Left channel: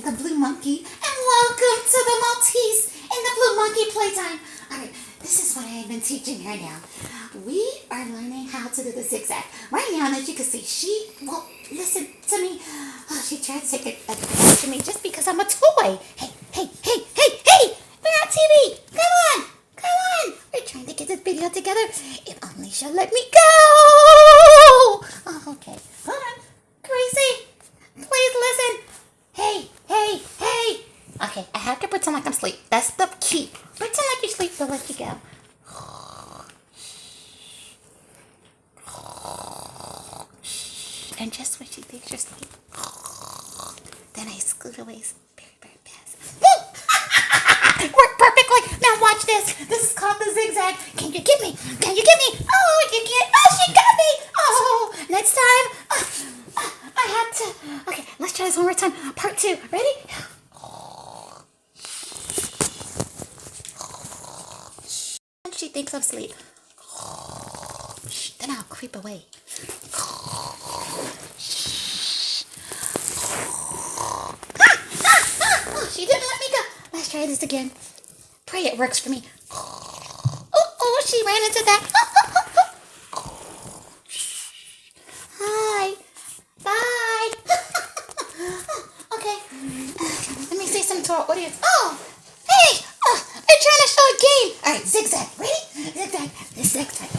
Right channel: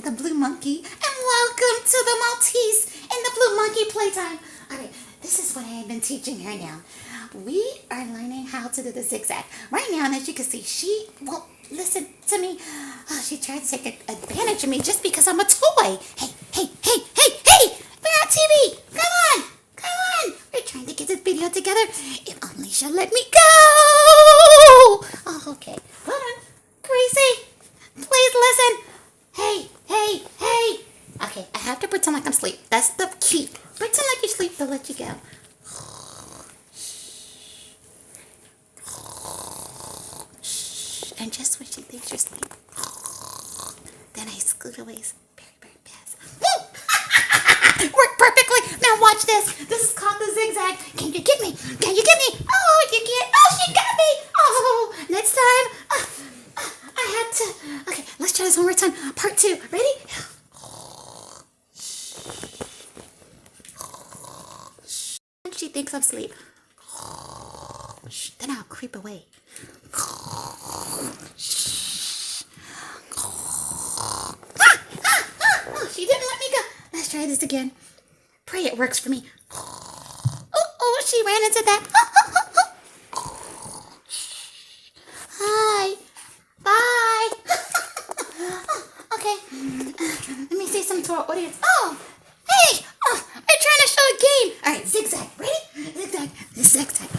am the Blue Monkey, and welcome to the Maltese and the Blue Monkey Playtime. Alright, this is what I've been teaching her now. We are learning how to do the zigzag. Right now, as you can see, she won't listen to me. Oh, she tried to take advantage of me just because I'm a toy. Hey! We're on TV! Come on! We're trying to get this video together. If only she'll let me go! Oh, okay. Hold on. Gracie, please listen. Hey. Okay, I have to pretend like I'm asleep. That's the key. Pretend like you're asleep, they'll let you go. And just when she thinks you're asleep, then I scoot away very fast. Worked perfectly. Now watch this. This is called the zigzag. Can you get me? Oh, you can't. Oh, she got me. Oh, next time. I have to. Okay, let's try this one more time. Part 2. Ready? She thinks I'm asleep. Then I'll creep away. She didn't let me go. Let's try this again. Pray it works for me. Oh, she ran into that. Hi. Bye. Okay. Let me say something to our audience. Oh, hey. I'm trying to show a game. All right, zigzag. Ready? Zigzag. This zigzag.